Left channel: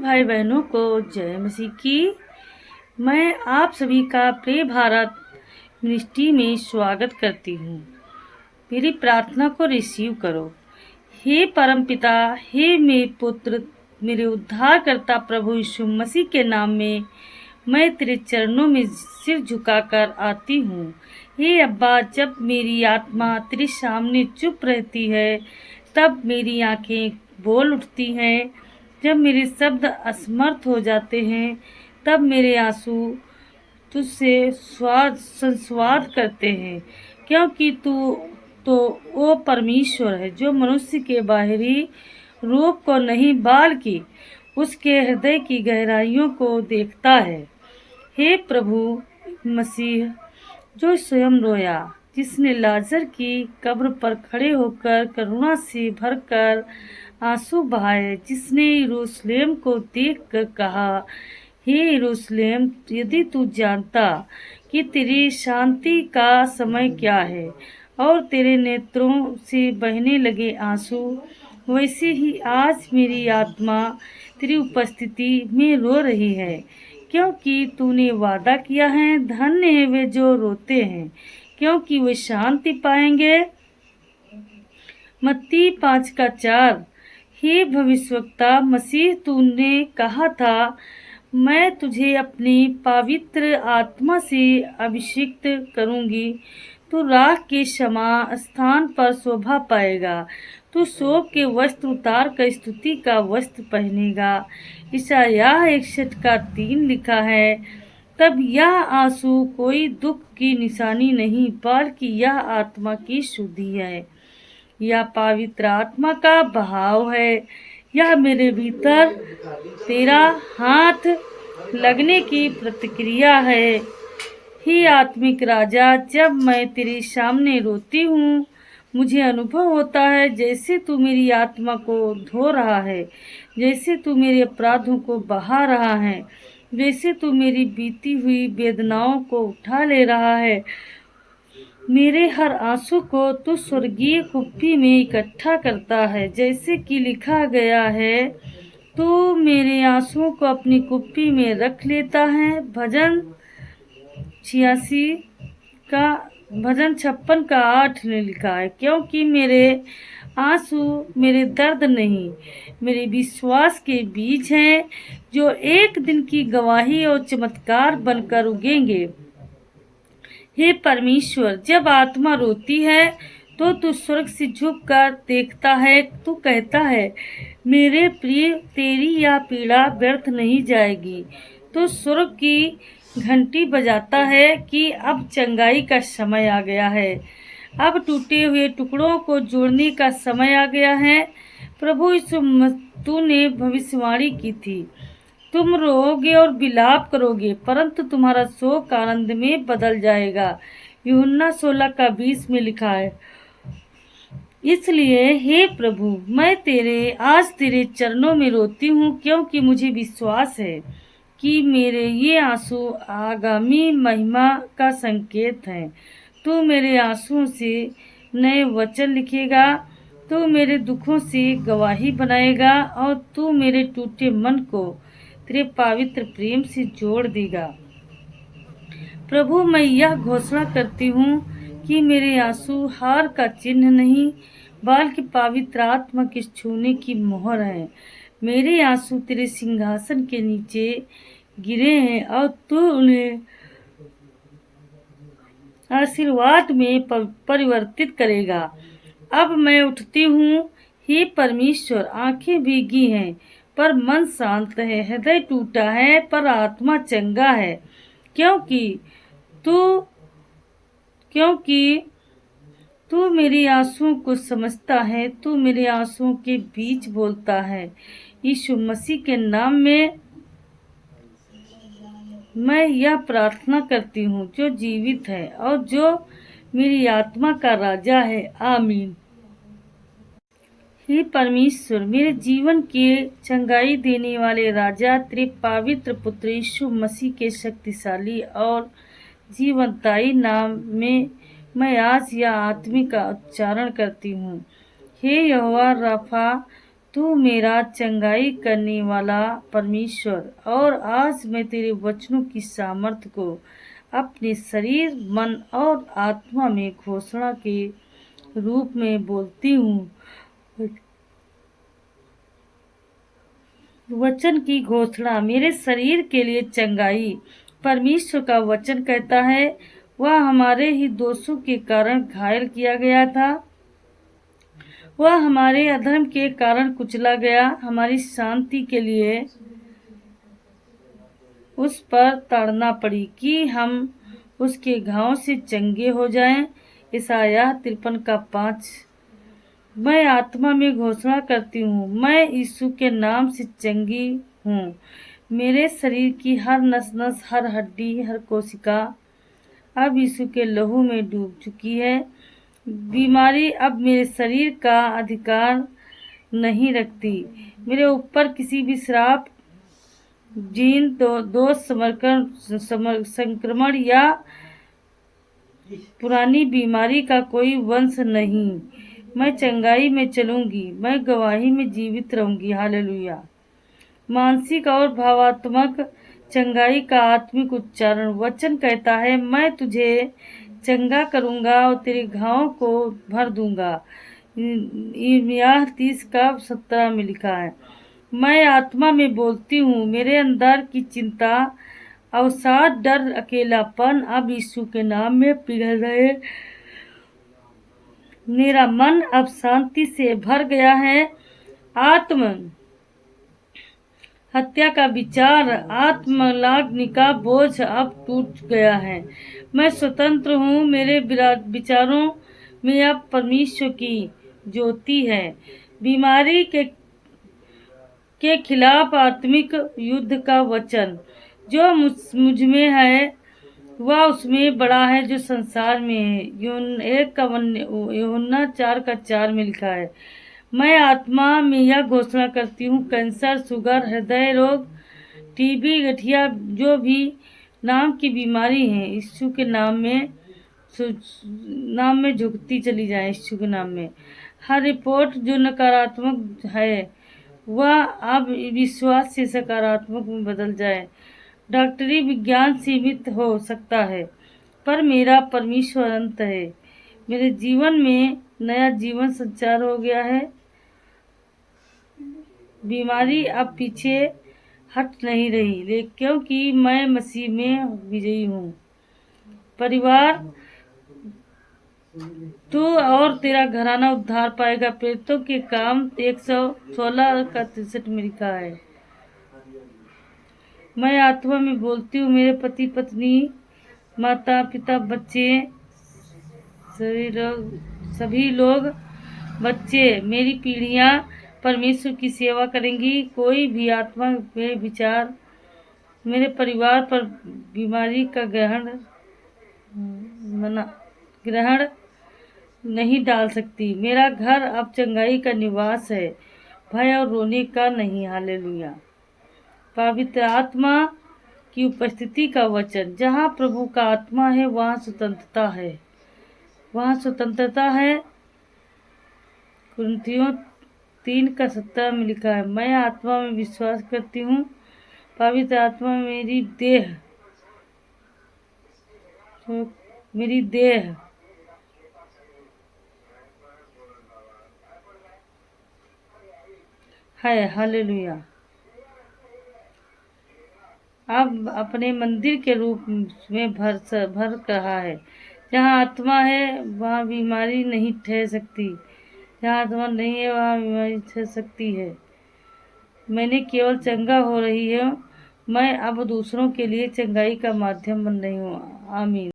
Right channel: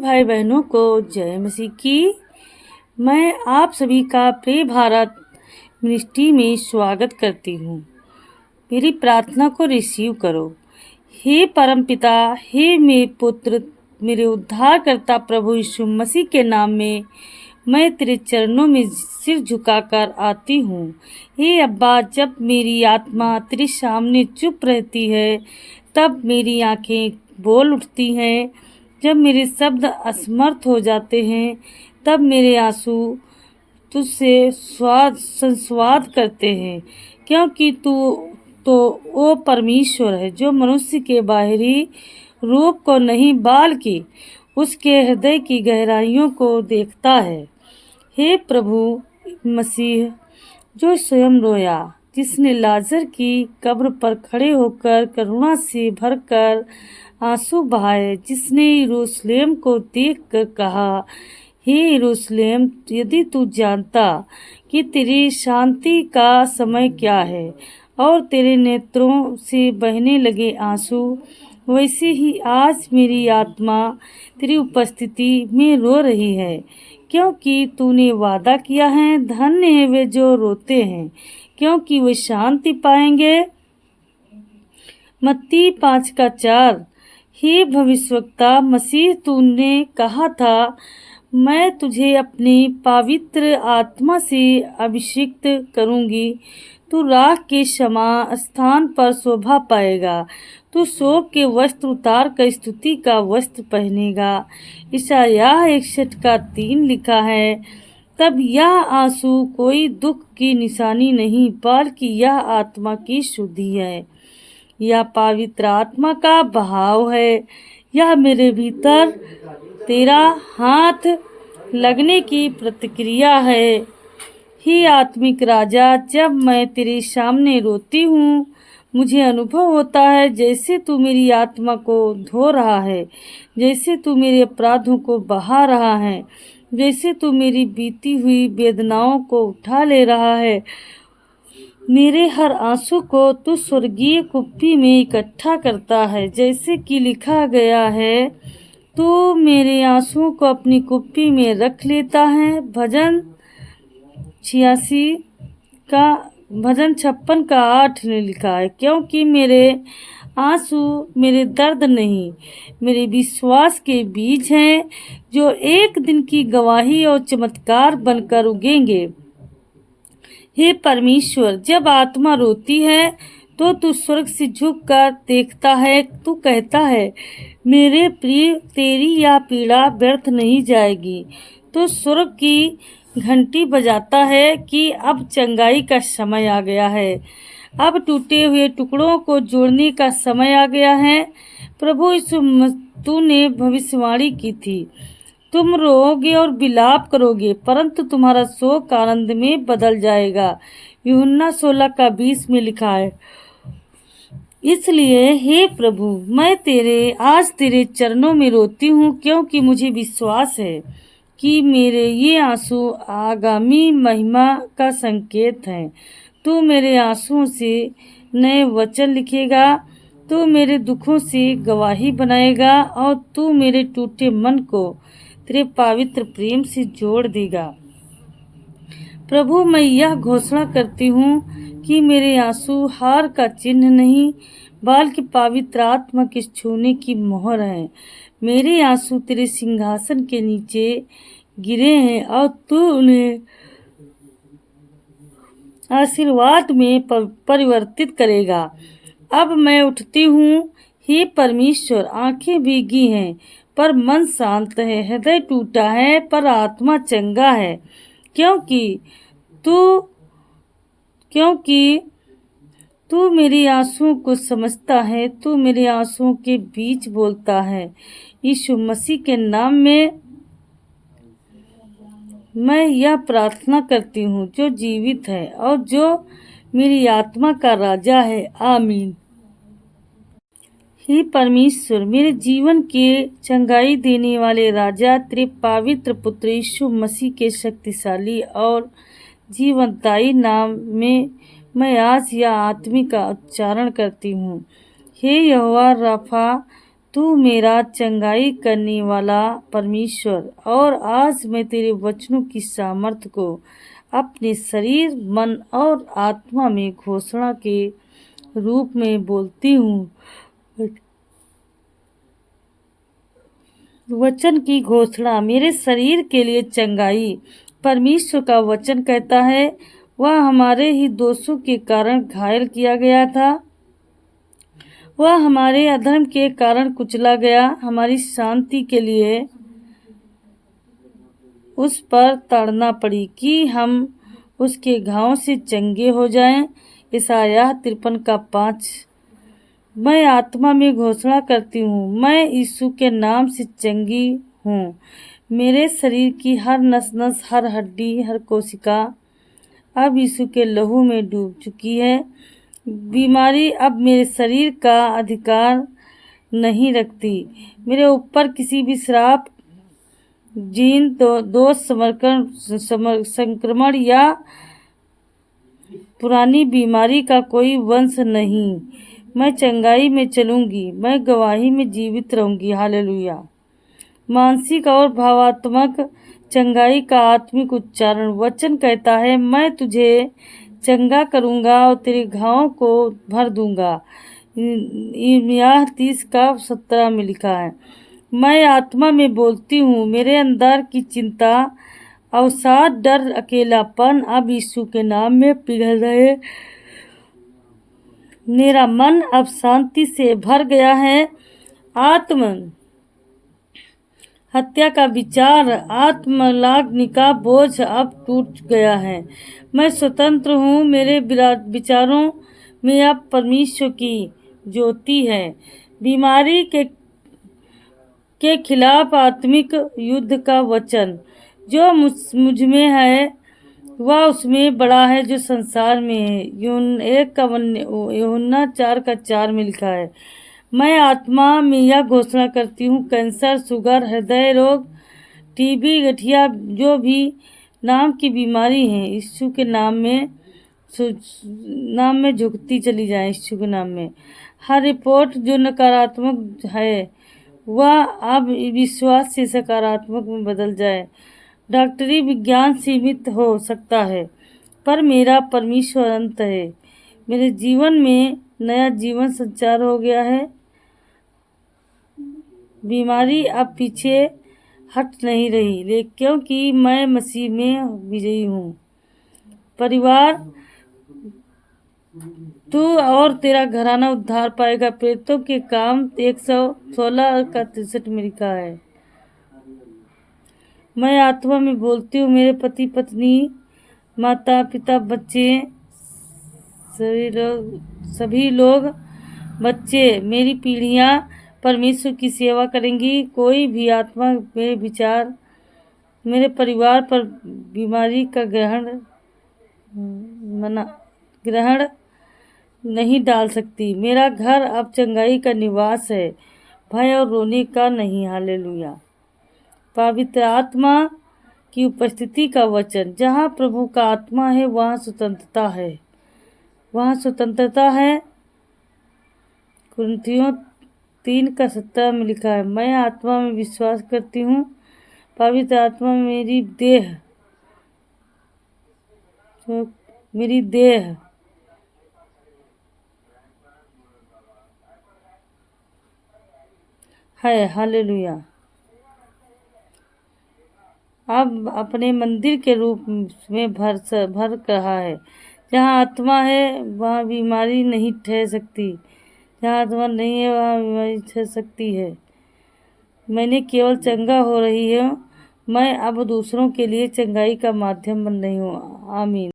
भाई बहनों को जय मसीह की। मैं आप सभी का प्रिय भारत मिनिस्ट्री में स्वागत करती हूँ। मेरी प्रार्थना को रिसीव करो। हे परम पिता, हे मेरे पुत्र, मेरे उद्धारकर्ता प्रभु यीशु मसीह के नाम में मैं तेरे चरणों में सिर झुकाकर आती हूँ। हे अब्बा, जब मेरी आत्मा तेरे सामने चुप रहती है तब मेरी आंखें बोल उठती हैं। जब मेरे शब्द असमर्थ हो जाते हैं तब मेरे आंसू तुझसे संवाद करते हैं, क्योंकि तू तो वो परमेश्वर है जो मनुष्य के बाहरी रूप को नहीं बल्कि उसके हृदय की गहराइयों को देखता है। हे प्रभु मसीह, जो स्वयं रोया, जिसने लाजर की कब्र पर खड़े होकर करुणा से भरकर आंसू बहाए, जिसने यरूशलेम को देखकर कहा, हे यरूशलेम, यदि तू जानता कि तेरी शांति का समय क्या है और तेरे नेत्रों से बहने लगे आंसू, वैसे ही आज मेरी आत्मा तेरी उपस्थिति में रो रही है, क्योंकि तूने वादा किया है, धन्य है वे जो रोते हैं, क्योंकि वे शांति पाएंगे। मत्ती 5:4। हे भविष्यवक्ता मसीह, तूने कहा था, मैं तुझे अपनी पवित्र आत्मा से अभिषिक्त करूंगी। तू राख के समान स्थान पर शोभा पाएगा। तू शोक के वस्त्र उतार कर स्तुति का वस्त्र पहनेगा। यशायाह 61:3 लिखा है। तब यह आंसू कोई दुख की निशानी नहीं, बल्कि यह आत्मा की शुद्धि है। यह पवित्र आत्मा का बहाव है। यह मेरे भीतर तेरा हाथ लगने की प्रतिक्रिया है। हे आत्मिक राजा, जब मैं तेरे सामने रोती हूँ, मुझे अनुभव होता है जैसे तू मेरी आत्मा को धो रहा है, जैसे तू मेरे अपराधों को बहा रहा है, जैसे तू मेरी बीती हुई वेदनाओं को उठा ले रहा है। मेरे हर आंसू को तू स्वर्गीय कुप्पी में इकट्ठा करता है, जैसे कि लिखा गया है, तू मेरे आंसुओं को अपनी कुप्पी में रख लेता है। भजन 56:8 ने लिखा है, क्योंकि मेरे आंसू मेरे दर्द नहीं, मेरे विश्वास के बीज हैं, जो एक दिन की गवाही और चमत्कार बनकर उगेंगे। हे परमेश्वर, जब आत्मा रोती है तो तू स्वर्ग से झुक कर देखता है। तू कहता है, मेरे प्रिय, तेरी यह पीड़ा व्यर्थ नहीं जाएगी। तू स्वर्ग की घंटी बजाता है कि अब चंगाई का समय आ गया है, अब टूटे हुए टुकड़ों को जोड़ने का समय आ गया है। प्रभु यीशु, तूने भविष्यवाणी की थी, तुम रोओगे और विलाप करोगे, परंतु तुम्हारा शोक आनंद में बदल जाएगा। यूहन्ना 16:20 में लिखा है। इसलिए हे प्रभु, मैं आज तेरे चरणों में रोती हूँ, क्योंकि मुझे विश्वास है कि मेरे ये आंसू आगामी महिमा का संकेत हैं। तू मेरे आंसुओं से नए वचन लिखेगा, तू मेरे दुखों से गवाही बनाएगा और तू मेरे टूटे मन को तेरे पवित्र प्रेम से जोड़ देगा। प्रभु, मैं यह घोषणा करती हूँ कि मेरे आंसू हार का चिन्ह नहीं, बल्कि पवित्र आत्मा के छूने की मोहर है। मेरे आंसू तेरे सिंहासन के नीचे गिरे हैं और तू उन्हें आशीर्वाद में परिवर्तित करेगा। अब मैं उठती हूँ, हे परमेश्वर, आंखें भीगी हैं पर मन शांत है, हृदय टूटा है पर आत्मा चंगा है, क्योंकि तू मेरी आंसुओं को समझता है, तू मेरे आंसुओं के बीच बोलता है। यीशु मसीह के नाम में मैं यह प्रार्थना करती हूँ, जो जीवित है और जो मेरी आत्मा का राजा है। आमीन। हे परमेश्वर, मेरे जीवन के चंगाई देने वाले राजा, तेरे पवित्र पुत्र यीशु मसीह के शक्तिशाली और जीवनदायी नाम में मैं आज यह आत्मिक का उच्चारण करती हूँ। हे यहोवा राफा, तू मेरा चंगाई करने वाला परमेश्वर, और आज मैं तेरे वचनों की सामर्थ्य को अपने शरीर, मन और आत्मा में घोषणा के रूप में बोलती हूँ। वचन की घोषणा मेरे शरीर के लिए चंगाई। परमेश्वर का वचन कहता है, वह हमारे ही दोषों के कारण घायल किया गया था, वह हमारे अधर्म के कारण कुचला गया, हमारी शांति के लिए उस पर ताड़ना पड़ी कि हम उसके घावों से चंगे हो जाएं। यशायाह 53:5। मैं आत्मा में घोषणा करती हूँ, मैं यीशु के नाम से चंगी हूँ। मेरे शरीर की हर नस नस, हर हड्डी, हर कोशिका अब यीशु के लहू में डूब चुकी है। बीमारी अब मेरे शरीर का अधिकार नहीं रखती। मेरे ऊपर किसी भी श्राप, जीन, दोष, संक्रमण या पुरानी बीमारी का कोई वंश नहीं। मैं चंगाई में चलूंगी, मैं गवाही में जीवित रहूंगी। हालेलुया। मानसिक और भावात्मक चंगाई का आत्मिक उच्चारण। वचन कहता है, मैं तुझे चंगा करूंगा और तेरे घावों को भर दूंगा। यह 30:17 में लिखा है। मैं आत्मा में बोलती हूँ, मेरे अंदर की चिंता, अवसाद, डर, अकेलापन अब यीशु के नाम में पिघल रहे। मेरा मन अब शांति से भर गया है। आत्म हत्या का विचार, आत्मलाग्नि का बोझ अब टूट गया है। मैं स्वतंत्र हूँ। मेरे विचारों में अब परमेश्वर की ज्योति है। बीमारी के खिलाफ आत्मिक युद्ध का वचन, जो मुझ में है वह उसमें बड़ा है जो संसार में है। यूहन्ना 4:4 में लिखा है। मैं आत्मा में यह घोषणा करती हूँ, कैंसर, शुगर, हृदय रोग, टीबी, गठिया, जो भी नाम की बीमारी है, यीशु के नाम में झुकती चली जाए। यीशु के नाम में हर रिपोर्ट जो नकारात्मक है वह अब विश्वास से सकारात्मक में बदल जाए। डॉक्टरी विज्ञान सीमित हो सकता है, पर मेरा परमेश्वर अनंत है। मेरे जीवन में नया जीवन संचार हो गया है। बीमारी अब पीछे हट नहीं रही, क्योंकि मैं मसीह में विजयी हूँ। परिवार, तू और तेरा घराना उद्धार पाएगा। प्रेरितों के काम 116:63 में लिखा है। मैं आत्मा में बोलती हूँ, मेरे पति, पत्नी, माता पिता, बच्चे, सभी लोग, बच्चे, मेरी पीढ़ियाँ परमेश्वर की सेवा करेंगी। कोई भी आत्मा मेरे विचार, मेरे परिवार पर बीमारी का ग्रहण नहीं डाल सकती। मेरा घर अब चंगाई का निवास है, भय और रोने का नहीं। हालेलुया। पवित्र आत्मा की उपस्थिति का वचन। जहाँ प्रभु का आत्मा है वहाँ स्वतंत्रता है, वहाँ स्वतंत्रता है। कुरिन्थियों 3:17 में लिखा है। मैं आत्मा में विश्वास करती हूँ, पवित्र आत्मा मेरी देह है। हालेलुया। अब अपने मंदिर के रूप में भर रहा है। जहाँ आत्मा है वहाँ बीमारी नहीं ठहर सकती, जहाँ आत्मा नहीं है वहाँ बीमारी ठहर सकती है। मैंने केवल चंगा हो रही हूँ, मैं अब दूसरों के लिए चंगाई का माध्यम बन रही हूँ। आमीन।